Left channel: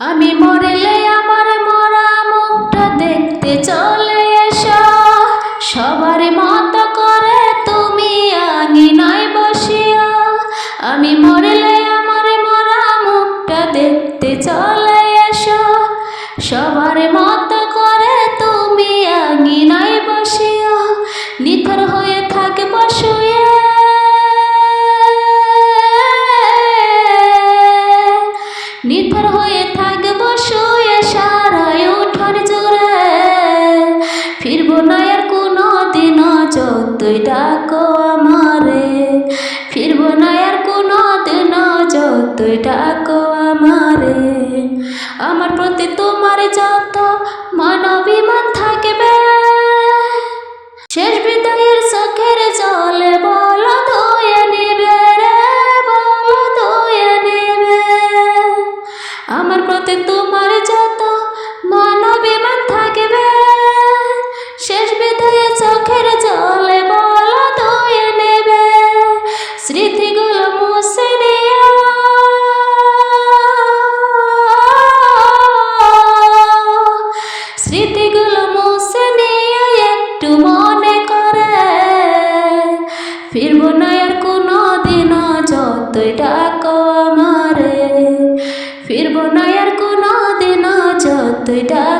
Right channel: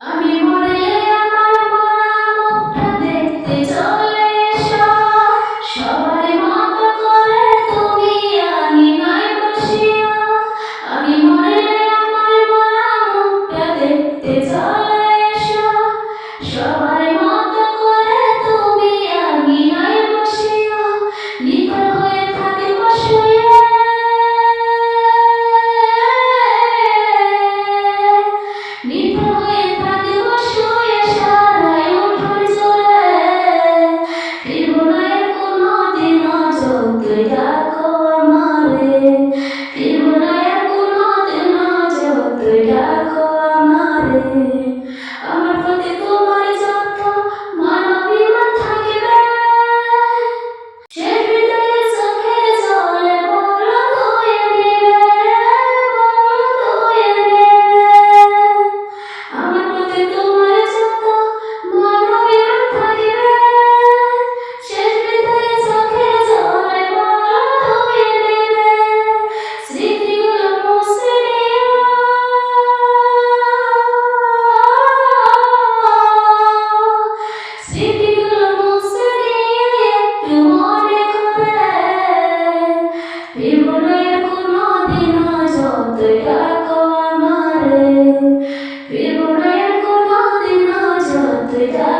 আমি মরলে আমার মরা মুখটা দেখতে চলে এসো, সবার মতো করে তুমি আঙিনায় বসিও। আমি মরলে আমার মরা মুখটা দেখতে চলে এসো, সবার মতো করে তুমি আঙিনায় বসিও। নিথর হয়ে থাকব শুয়ে, নিথর হয়ে থাকব শুয়ে সারায় ওঠর জুড়ে। ফিরব না আর কোনো দিনও যতই ডাকো আমারে, ফিরব না আর কোনো দিনও যতই ডাকো আমারে। আমার প্রতি তোমার যত মানবিমান থাকবে, শেষ বিদায়ের চোখের জলে বলো ধুয়ে নেবে রে, বলো ধুয়ে নেবে। আমার প্রতি তোমার যত মানবিমান থাকবে, শেষ বিদায়ের চোখের জলে বলো ধুয়ে নেবে। স্মৃতিগুলো মুছে দিও, স্মৃতিগুলো মুছে নিয়ে একটু মনে করে। ফিরব না আর কোনো দিনও যতই ডাকো আমারে, ফিরব না আর কোনো দিনও যতই ডাকো।